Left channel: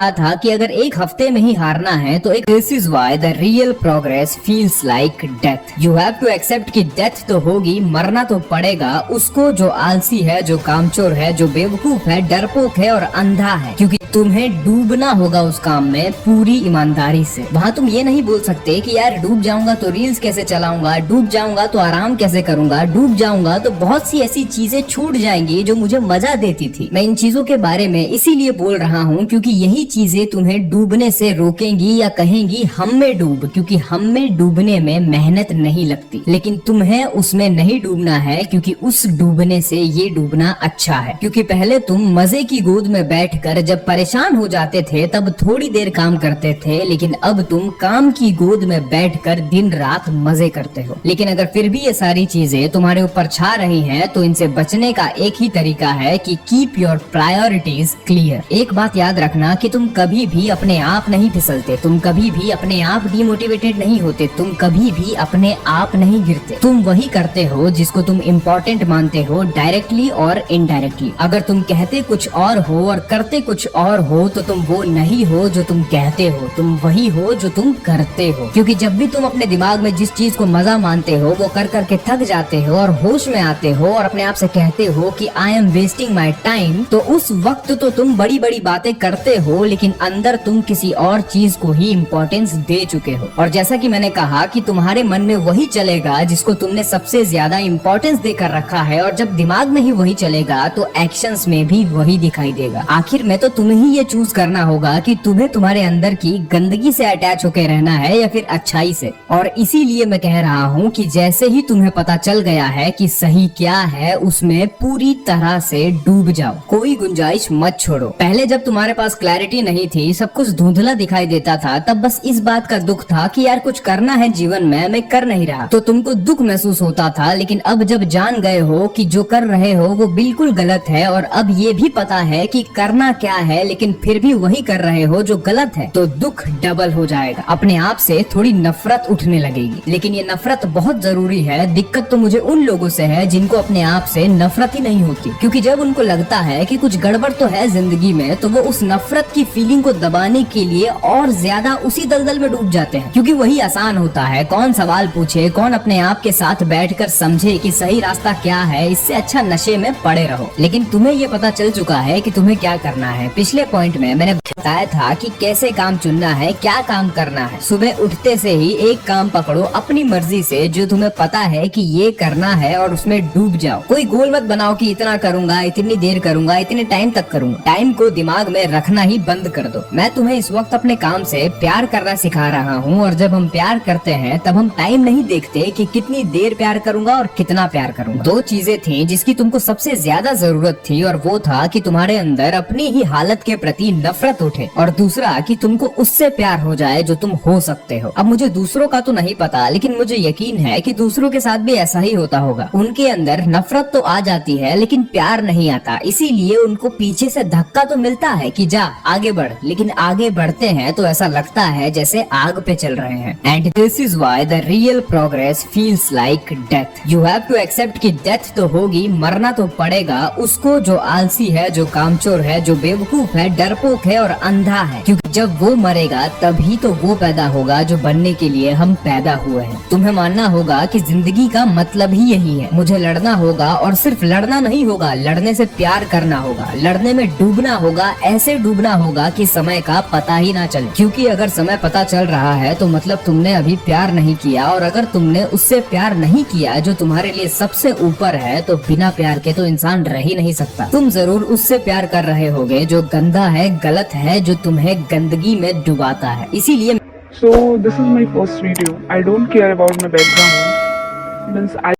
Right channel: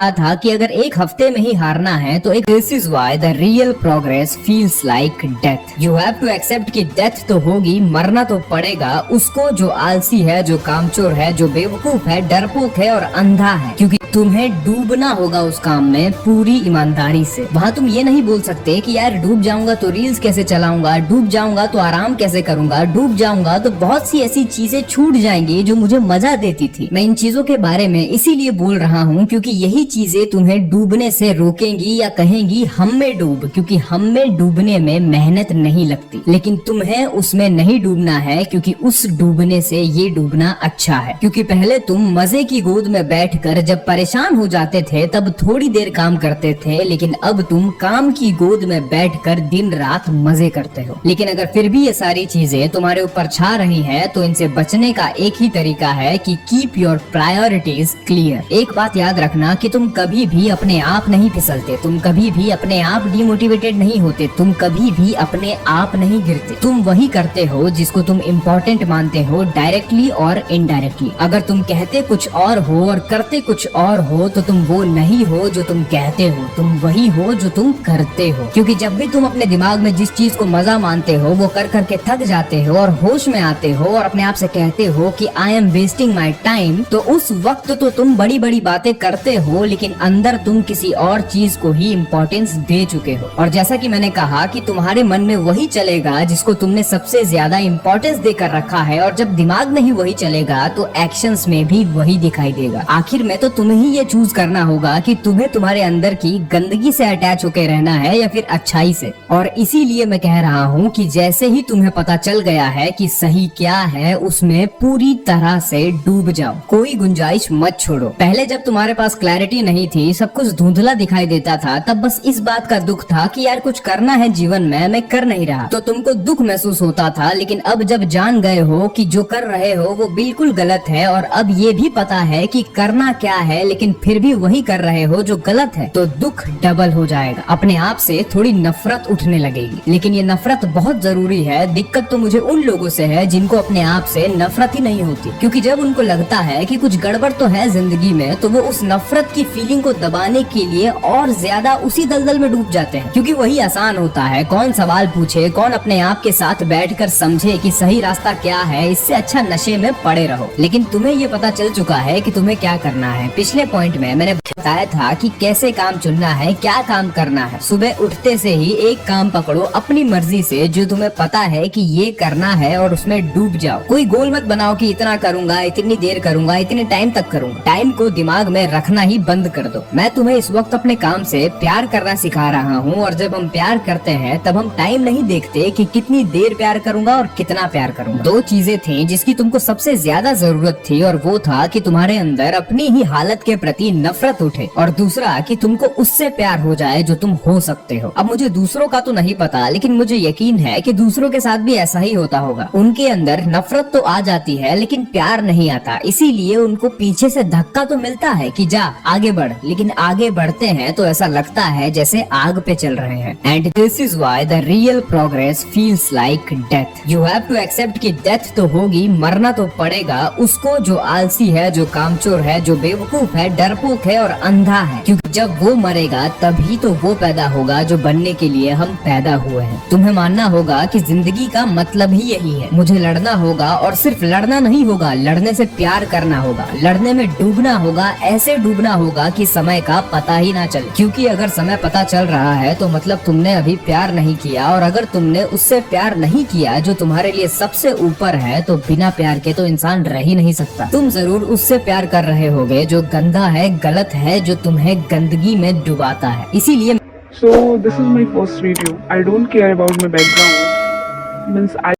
था कि अगर एक हफ्ते में ही हारना है तो this is why the real progress feels like death. You have to accept कि डेथ तो होगी, मरना तो पड़ेगा उसको जो आलसी है, जो कामचोर है, जो बेवकूफ है, डरपोक है और अंधा है, क्योंकि तुम्हें डूबना होगा उस काम में पूरी ईमानदारी से। वहाँ तुम ये नहीं बोल सकते कि यार डूब जाऊंगा तो रील्स कैसे चलाऊंगा, डूब जाऊंगा तो आराम कैसे करूंगा, डूब जाऊंगा तो बहुत सी ऐसी चीजें छूट जाएंगी जो मुझे मजा देती थी। मैं इन चीजों के बारे में इसीलिए बोल रहा हूँ क्योंकि यही चीजें तुम्हें डूबने से रोकेंगी या कहेंगी हम में डूब, क्योंकि हम में डूबने में मेहनत नहीं लगती, लेकिन तुम्हें उसमें नहीं डूबना है क्योंकि उस डूबने से ये डूबना अच्छा है। क्योंकि पहले तुम मजे की गोद में बैठकर जब परेशान हो जाते थे तब थोड़ी देर काम करते थे, लेकिन अब तुम काम की गोद में बैठकर दिन रात मजे करते हो। लेकिन अगर फिर भी ये सारी चीजें तुम्हारे ऊपर छा रही है तो इनसे बचने का एक ही तरीका है कि कीप योर प्रायोरिटीज क्लियर। एक बात याद रखना कि तुम कभी भी अपने आप नहीं फिसलते, तुम कभी भी अपने आप डिमोटिवेटेड नहीं होते, तुम कभी भी अपने आप नहीं गिरते। तुम वही करते हो जिसको तुम इम्पोर्टेंट मानते हो, डायरेक्टली और इनडायरेक्टली। अगर तुम कहते कुछ और हो और करते कुछ और हो तो तुम वो नहीं हो जो तुम कहते हो, तुम वही हो जो तुम करते हो। क्योंकि जब भी तुम अपने दिमाग में जिस चीज को मजा मानते हो वो कर करके थक जाते हो और होश में आते हो और अपने आप से कहते हो कि I am wasting my time, तो उस वक्त तो तुम बड़ी बड़ी बातें करते हो लेकिन अंदर तुम किसी और चीज को ही इम्पोर्टेंस दे चुके हो। और जैसा कि मैंने कहा कि तुम्हारे मन में वही चलेगा जिसको तुमने सबसे ज्यादा इम्पोर्टेंस देकर रखा है, और जब दिमाग में ही वही चलेगा तो एक्शंस में भी वही दिखाई देगा। आखिर में तो तुम्हें ही ये चूज करना होगा कि तुम्हें तुम्हारे अंदर की गंदगी से अटैच होकर रहना है या फिर अच्छाई से। और इसीलिए मैं कह रहा हूँ कि जैसे ही तुम्हें पता चल गया है कि सही क्या है उसमें पूरी तरह से डूब जाओ, कोई गुंजाइश मत छोड़ो। पहले जब तुम्हारे पास क्लैरिटी नहीं थी, सब कुछ धुंधला दिखाई देता था, तब बस इस बात का दुख था कि यार कुछ करना है जीवन में, मैं कर नहीं रहा, तो तुमको दुख महसूस होता था। लेकिन अब जब जान गए हो कि जो कर रहे हो वो बिल्कुल गलत है और अब ये भी पता है कि करना क्या है, लेकिन फिर भी वही कर रहे हो जो गलत है, तो दुख डबल हो जाएगा। अपने आप से थोड़ी नफरत उठने लगेगी, लेकिन ये नफरत बहुत जरूरी है। दिक्कत तो मुझे उन लोगों से है जिनको अपने आप से नफरत ही नहीं होती, क्योंकि जब उनको लगता है कि कुछ गड़बड़ तो है जिंदगी में तो वो उस नफरत की फीलिंग को दबाने के लिए और ज्यादा उसी दलदल में डूब जाते हैं, क्योंकि वही आसान होता है। कौन सवाल पूछे, कौन अपने आप के साथ बैठकर समझे कि सही रास्ता क्या है, इससे अच्छा नशे में पड़े रहो। लेकिन तुम्हें ये पता चल चुका है कि तुम्हें क्या करना है। पिछले पॉइंट में मैंने बताया था कि कैसे काम चुनना है, क्या काम करना है। सुबह उठते से ही एक काम पकड़ो अपनी मर्जी से जो तुम्हें पता है कि ये करना है और उसमें डूब जाओ। कोई गोल मत बनाओ कि इतना करूंगा, इतनी देर करूंगा, इतने टाइम तक करूंगा। टाइम को दिमाग में रखना ही बंद कर दो। मैं तुम्हें इस वक्त अपने काम से प्यार करना सिखा रहा हूँ, और जब हम प्यार करते हैं तब हम टाइम नहीं देखते कि कितनी देर प्यार करूंगा और कितना प्यार करूंगा। दो चीजें थी जिसकी तुमको सबसे ज्यादा जरूरत थी, और वो था कि तुम्हारे अंदर अपनी ही हालत के प्रति नफरत उठे, और दूसरा कि तुमको उससे प्यार हो जाए जो तुम हो सकते हो। अब मुझे दूसरों का तो नहीं पता, लेकिन मुझे यकीन है कि दूसरों के साथ भी ऐसा ही होता होगा। उनके अंदर नफरत तो आ जाती है लेकिन प्यार नहीं आता, इसीलिए उनको पीछे से धक्का तो मिलता है कि जा आगे बढ़, लेकिन आगे बढ़ते हैं तो ऐसा लगता है जैसे आग पे चल रहे हैं। And this is why the real progress feels like death. You have to accept कि डेथ तो होगी, मरना तो पड़ेगा उसको जो आलसी है, जो कामचोर है, जो बेवकूफ है, डरपोक है और अंधा है, क्योंकि जब वो मरेगा तभी तो वो पैदा होगा जो बनने के लिए हम पैदा हुए हैं। तुम्हें मानना होगा कि जिंदगी का मतलब ही यही है। मुझे लड़ना होगा, और सिर्फ लड़ना नहीं होगा, लड़ने से प्यार करना होगा, लड़ने में डूबना होगा, ऐसे डूबना होगा कि समय का पता ही ना चले। क्योंकि अगर समय पता चल रहा है तो मतलब तुमने अभी प्यार नहीं किया, और अगर तुमने उससे प्यार नहीं किया जो तुम्हारे लिए सबसे ऊपर है, तो बिना प्यार के तो इंसान रह ही नहीं सकता। तुम जरूर उससे प्यार कर रहे होगे जो गंदा है, गलत है, जो तुम्हें गंदगी में डुबाता है। इसीलिए So this is my first video. I don't care about my background. Means I